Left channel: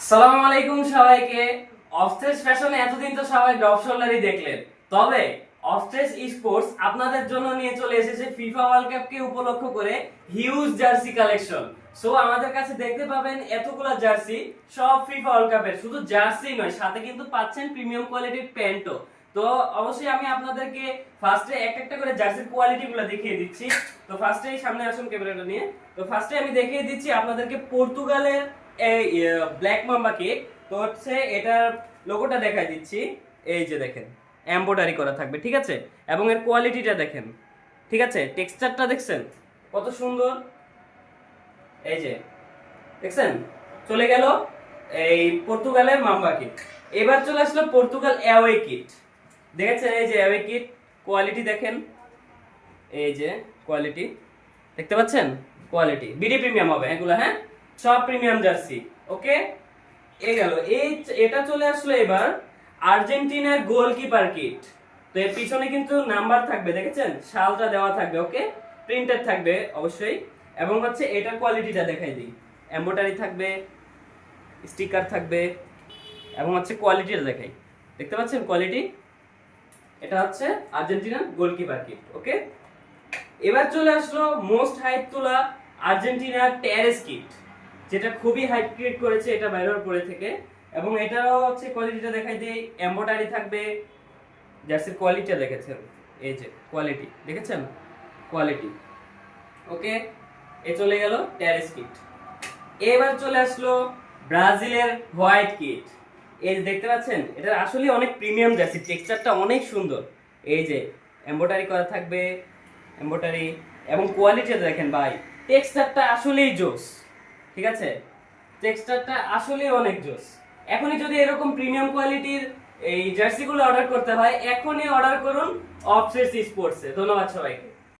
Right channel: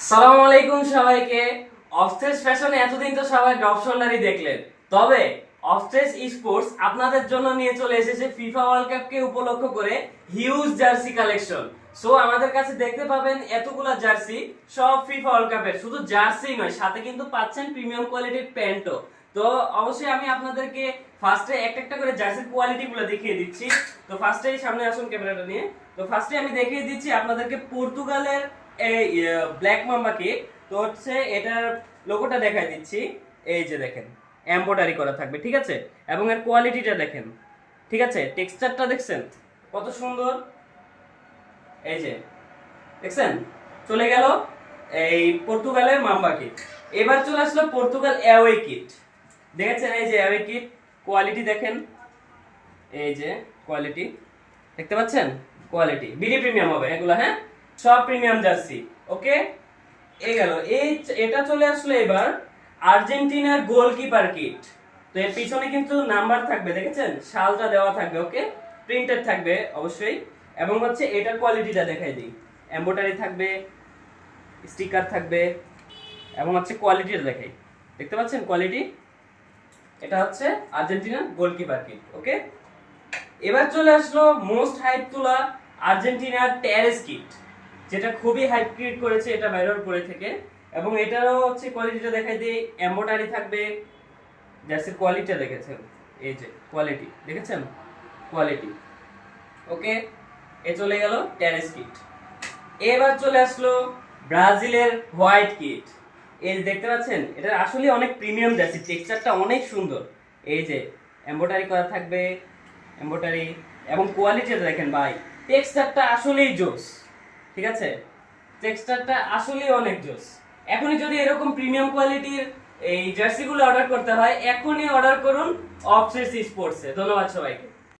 আসসালামু আলাইকুম সবাইকে। অফস্টেজ ফ্যাশনে এতদিন তো সবাই ড্রপ শোল্ডারই দেখলেন, তবে অফস্টেজ স্পোর্টস আপনাদের জন্য নিয়ে চলে এসেছে ফিফা ওয়ার্ল্ড কাপকে উপলক্ষ করে হিউজ জার্সি কালেকশন। সো আমাদের কাছে দেখতে পাবেন এতগুলা জার্সি, সব ফিফা ওয়ার্ল্ড কাপের। শুধু জার্সি নয়, সাথে কিন্তু পাচ্ছেন প্রিমিয়াম কোয়ালিটির প্যান্টও। তো অবশ্যই আমি আপনাদেরকে ফার্স্টে একটা করে জার্সির কোয়ালিটি গুলো দেখিয়ে দিচ্ছি। তো ফার্স্টেই সামনে আসুন ক্যামেরাটা নিয়ে। তো ফার্স্টে আমি দেখিয়ে দিচ্ছি আপনাদেরকে পর্তুগালের এই ব্ল্যাক মাম্বা কেক। তো হচ্ছে এটার লোগোটা দেখাই দিচ্ছি। এই যে দেখেন, এমব্রয়ডারি করা থাকবে, ঠিক আছে? এবং এর কোয়ালিটিটা দেখেন, ঠিক আছে? টেক্সচারটা দেখছেন কত সুন্দর? এই যে দেখছেন, চলে গেল এই পর্তুগালের মাম্বা কিট। এবার চলে আসলো পর্তুগাল অ্যাওয়ে কিট। দেখেছেন এই যে অ্যাওয়ে কিট, কোয়ালিটি দেখেন, এই যে কোয়ালিটি দেখতে পাচ্ছেন, কোয়ালিটি বিডি প্রিমিয়াম হবে এগুলো, হ্যাঁ সব প্রিমিয়াম জার্সি। ওকে, এই গেল এটা চলে আসলো এবার আর্জেন্টিনার গোলকিপার কিট। তো এর পিছনে কিন্তু নাম্বার থাকবে, দেখেছেন, শালটা দেওয়া থাকবে, ওকে, প্রিন্টেড থাকবে অবশ্যই। এবং হচ্ছে এটার কোয়ালিটিটা দেখাই দিই, এমব্রয়ডারি থাকবে, স্টিকার থাকবে, এবং হচ্ছে কোয়ালিটিটা দেখাই, দেখতে পাচ্ছেন কোয়ালিটি। এটা হচ্ছে আর্জেন্টিনার গোলকিপার কিট। ওকে, এবার চলে আসলো মোস্ট হাইপ তোলা আর্জেন্টিনার টেরেস কিট, যেটা খুবই হাইপ ক্রিয়েট করেছে এটা বাইরের পরে থেকে। এবং এটারও হচ্ছে কোয়ালিটিটা দেখাই দিই, এমব্রয়ডারি থাকবে, জার্সির কোয়ালিটিটা দেখেছেন, এই যে কোয়ালিটি দেখেছেন, কোয়ালিটি। ওকে, এ চলে গেল টেরেস কিট। এবার চলে আসলো ব্রাজিলের হোয়াইট কিট। এই যে দেখতে পাচ্ছেন, এটা আসলে অনেক প্রিমিয়াম জার্সি, টেক্সচারটা অনেক সুন্দর। এই যে এমব্রয়ডারি করা থাকবে, এমব্রয়ডারি, এবং কোয়ালিটিটা দেখেন ভাই, টেক্সচারটা আসলেই জোস, ঠিক আছে? টেক্সচারটা আসলেই অনেক জোস। এখনই যদি এরকম প্রিমিয়াম কোয়ালিটির এই জার্সিগুলো অর্ডার করতে হয়, এখনই অর্ডার করুন অফসেস স্পোর্টসে। ধন্যবাদ সবাইকে।